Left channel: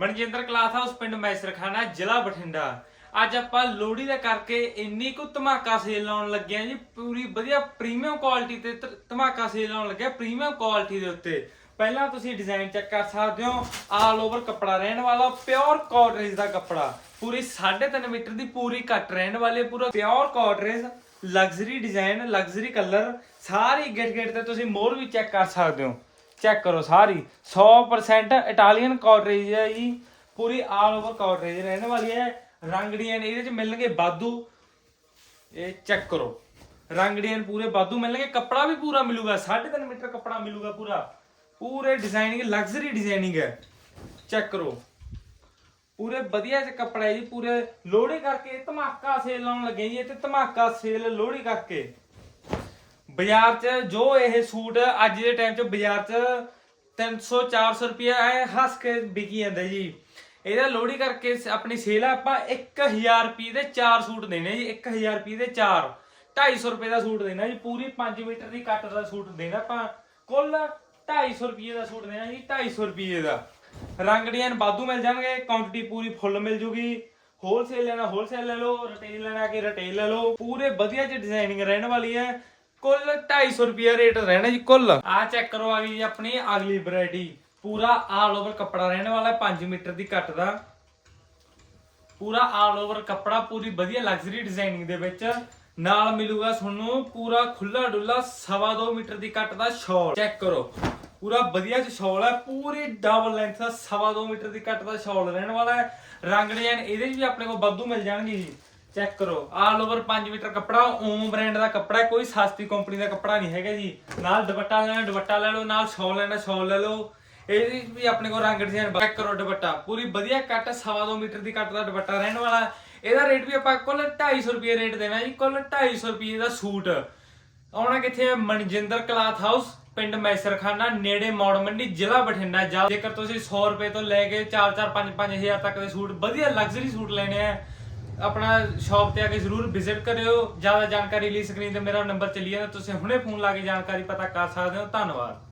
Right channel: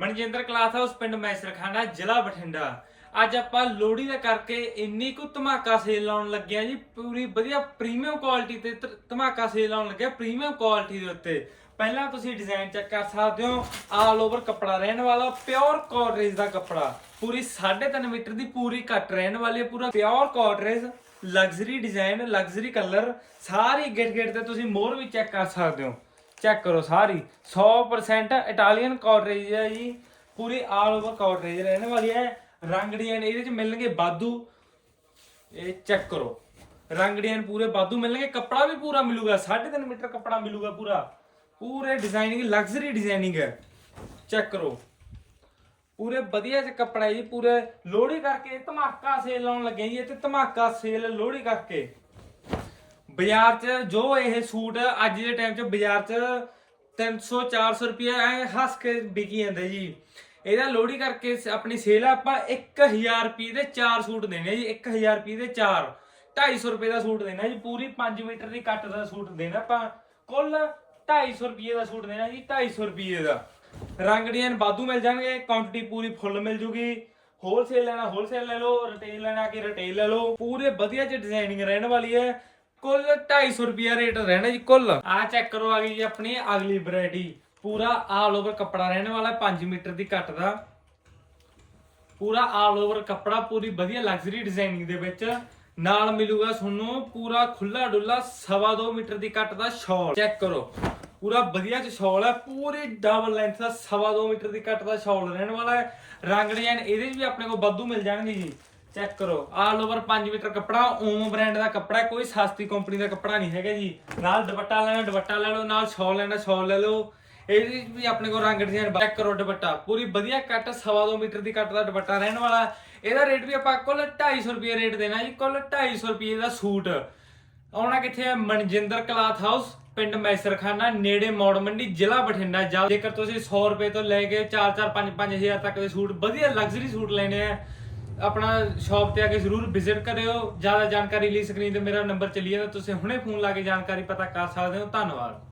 Manjinder class house ਪਿੰਡ ਮੈਸਰਖਾਨਾ, ਜ਼ਿਲ੍ਹਾ ਬਠਿੰਡਾ। ਅੱਜ ਆਪਾਂ ਲੋਹੜੀ ਦਾ ਕਰਕੇ ਇੰਨੀ ਕੁ ਧਮਾਕਾ ਸੇਲ ਲਾਉਣ ਲੱਗਿਆ ਜੀ, ਪੂਰੀ ਵਧੀਆ ਪ੍ਰੀਮੀਅਮ ਕੁਆਲਿਟੀ ਤੇ ਧ- ਧਮਾਕਾ ਸੇਲ ਲਾਉਣ ਲੱਗਿਆ ਪ੍ਰੀਮੀਅਮ ਕੁਆਲਿਟੀ ਦੇ ਉੱਤੇ। ਪਹਿਲਾਂ ਤੁਸੀਂ ਡਿਜ਼ਾਈਨ ਚੈੱਕ ਕਰ ਸਕਦੇ ਹੋ ਆਲ ਓਵਰ ਕੱਪੜਾ ਰਹਿਣ ਵਾਲਾ ਪਿਓਰ ਕਾਟਰੇਜ ਦਾ ਕੱਪੜਾ। ਪੂਰੀ 3.5 ਮੀਟਰ ਦੀ ਪੂਰੀ ਕੱਟ ਰਹਿਣ ਵਾਲੀ, ਪੂਰਾ ਪਿਓਰ ਕਾਟਰੇਜ ਲਗਜ਼ਰੀ ਡਿਜ਼ਾਈਨ ਲਗਜ਼ਰੀ ਕਲਰ ਸਾਰੀ ਗਿਟ ਗਿਟ ਤੇ ਤੁਸੀਂ ਮੋਰ ਵੀ ਚੈੱਕ ਕਰ ਸਕਦੇ ਹੋ। ਚੈੱਕ ਕਰੋ ਸਾਰੀ। 100% ਇਟਾਲੀਅਨ ਕਾਟਰੇਜ ਹੈ ਜੀ। ਪੂਰੀ ਆਲ ਓਵਰ ਕਾਟਰੇਜ ਰਹਿਣ ਵਾਲੀ ਹੈ। ਰੰਗੜੀਆਂ ਇਹਦੇ ਚ ਮਿਲਣਗੇ ਬਾਦੂ। ਇਹ ਚੈੱਕ ਕਰੋ। ਰੰਗੜੀਆਂ ਪੂਰੇ ਬਾਦੂ ਮਿਲਣਗੇ। ਕੱਪੜਾ ਵੀ ਪੂਰਾ ਮਿਲੂਗਾ। 3.5 ਮੀਟਰ ਕੱਪੜਾ ਮਿਲੂਗਾ ਪੂਰਾ। ਪੂਰੇ ਡਿਜ਼ਾਈਨਿੰਗ ਲਗਜ਼ਰੀ ਡਿਜ਼ਾਈਨਿੰਗ ਹੈ। ਚੈੱਕ ਕਰੋ। ਪੂਰੇ ਵਧੀਆ ਚ ਕੱਪੜਾ ਹੈ ਜੀ। ਪੂਰੇ ਲੋਹੜੀ ਕਰਕੇ ਧਮਾਕਾ ਸੇਲ ਲਾਉਣ ਲੱਗੇ ਜੀ। ਇੱਥੇ ਧਮਾਕਾ ਸੇਲ ਲੋਹੜੀ ਕਰਕੇ। ਬਾਜ਼ਾਰ 'ਚ ਜੋ ਇਹ ਸੂਟ ਅੱਜ ਦੇ ਟਾਈਮ 'ਚ ਬਾਜ਼ਾਰ 'ਚ 300 400 ਰੁਪਏ ਐ ਹੱਸ ਕੇ ਵਿਕੀ ਜਾਂਦਾ ਜੀ। ਇਹਦਾ ਲੋਹੜੀ ਕਰਕੇ ਸ- ਆਪਣੀ ਸੇਲ ਆ, ਆਪਾਂ 1000 ਰੁਪਏ ਦੇ 4 ਸੂਟ ਦੇਣੇ ਜੀ 1000 ਰੁਪਏ ਦੇ 4 250 ਰੁਪਏ ਦਾ ਸੂਟ ਦੇਣਾ ਜੀ, ਪੂਰੀ 5 ਮੀਟਰ ਦੀ ਕੱਟ ਦਾ ਸੂਟ ਦੇਣਾ ਆਪਾਂ। ਕੁੱਲ 250 ਰੁਪਏ ਦਾ ਸੂਟ ਦੇਣਾ ਜੀ 250 ਰੁਪਏ ਦਾ। ਰੰਗ ਡਿਜ਼ਾਈਨ ਬਾਦੂ ਮਿਲ ਜਾਣਗੇ ਕੁਆਂਟੀਟੀ ਪੂਰੀ ਫੁੱਲ ਮਿਲ ਜੂਗੀ। ਹੋਲਸੇਲ ਲੈਣਾ ਹੋਲਸੇਲ ਲੈ ਲਓ ਰਿਟੇਲ ਲੈਣਾ ਕਿ ਰਿਟੇਲ ਲੈ ਲਓ। ਪੂਰੇ ਵਧੀਆ ਚ ਡਿਜ਼ਾਈਨਿੰਗ ਰਹਿਣ ਵਾਲੀ ਹੈ। ਕੁੱਲ 250 ਰੁਪਿਆ ਰੇਟ ਰਹਿਣਾ ਜੀ, ਕੁੱਲ। ਆ ਚੈੱਕ ਕਰੋ ਆ ਗਈ ਜੀ ਆਪਣੀ ਅਗਲੀ ਵੈਰਾਈਟੀ ਪੂਰਾ ਆਲ ਓਵਰ ਕੱਪੜਾ ਰਹਿਣ ਵਾਲਾ 5 ਮੀਟਰ ਦੀ ਕੱਟ ਦਾ। ਪੂਰਾ ਆਲ ਓਵਰ ਕੱਪੜਾ, ਪੂਰੀ ਵਧੀਆ ਲਗਜ਼ਰੀ ਡਿਜ਼ਾਈਨਿੰਗ ਦੇ ਵਿੱਚ। ਨਾਲ ਮਿਲੂਗਾ ਤੁਹਾਨੂੰ ਪੂਰਾ ਖੁੱਲਾ ਡੁੱਲਾ ਸਵਾ ਦੋ ਮੀਟਰ ਦੀ ਕੱਟ ਦਾ ਸ਼ਾਲ ਚੈੱਕ ਕਰੋ। ਪੂਰਾ ਵਧੀਆ ਚ ਸ਼ਾਲ ਹੈ, ਪੂਰੀ ਡਬਲ ਲੈਂਥ ਦਾ ਸਵਾ ਦੋ ਮੀਟਰ ਦੀ ਕੱਟ ਦਾ ਸ਼ਾਲ ਰਹਿਣ ਵਾਲਾ ਹੈ। ਰੰਗ ਡਿਜ਼ਾਈਨ ਇਹਦੇ 'ਚ ਵੀ ਆਪਣੇ ਕੋਲ ਵਾਧੂ ਮਿਲ ਜਾਣਗੇ ਜੀ। ਚੈੱਕ ਕਰੋ। ਆਲ ਓਵਰ 5 ਮੀਟਰ ਕੱਪੜਾ ਓਮ ਬ੍ਰਾਂਡ ਦਾ ਕੱਪੜਾ ਕੋਈ ਸਸਤੀ ਕੰਪਨੀ ਦਾ ਕੱਪੜਾ ਨਹੀਂ ਹੈਗਾ ਜੀ। ਨਾਲ ਦੁਪੱਟਾ ਲੈਣਾ ਦੁਪੱਟਾ ਲੈ ਲਓ, ਨਾਲ ਸ਼ਾਲ ਲੈਣਾ ਸ਼ਾਲ ਲੈ ਲਓ। ਇਹਦੇ ਵੀ ਆਪਣੇ ਕੋਲ ਰੰਗ ਡਿਜ਼ਾਈਨ ਚੈੱਕ ਕਰੋ ਦੁਪੱਟਾ। ਪੂਰੀ ਵਧੀਆ ਕੱਟ ਸਵਾ ਦੋ ਮੀਟਰ ਦੀ ਕੱਟ ਦਾ ਦੁਪੱਟਾ ਰਹਿਣ ਵਾਲਾ। ਇਹਦਾ ਰੇਟ ਵੀ ਆਪਾਂ ਕੁੱਲ 250 ਰੁਪਏ ਰੇਟ ਦੇਣਾ ਜੀ, ਕੁੱਲ 250 ਰੁਪਏ ਦਾ ਸੂਟ। ਆਉਣਾ ਕਿੱਥੇ ਹੈ? ਮਨਜਿੰਦਰ ਕਲਾਥ ਹਾਊਸ ਪਿੰਡ ਮੈਸਰਖਾਨਾ, ਨੇੜੇ ਮੌੜ ਮੰਡੀ, ਜ਼ਿਲ੍ਹਾ ਬਠਿੰਡਾ। ਜਾ ਜੇਕਰ ਤੁਸੀਂ 100 ਰੁਪਏ ਤੋਂ ਲੈ ਕੇ 4-4 5-5 ਹਜ਼ਾਰ ਤੱਕ ਦੇ ਸੂਟ, ਵਧੀਆ ਲਗਜ਼ਰੀ ਸੂਟ ਲੈਣੇ ਆ ਆਪਣਾ ਸ਼ਾਪ ਤੇ ਆ ਕੇ ਜ਼ਰੂਰ ਵਿਜ਼ਿਟ ਕਰਿਓ। ਜ਼ਿਆਦਾ ਜਾਣਕਾਰੀ ਲਈ ਸਕਰੀਨ ਤੇ ਮੇਰਾ ਨੰਬਰ ਚੱਲੀ ਜਾਂਦਾ। ਤੁਸੀਂ ਹੁਣੇ ਫੋਨ ਲਾ ਕੇ ਜਾਣਕਾਰੀ ਪਤਾ ਕਰ ਸਕਦੇ ਹੋ। ਧੰਨਵਾਦ।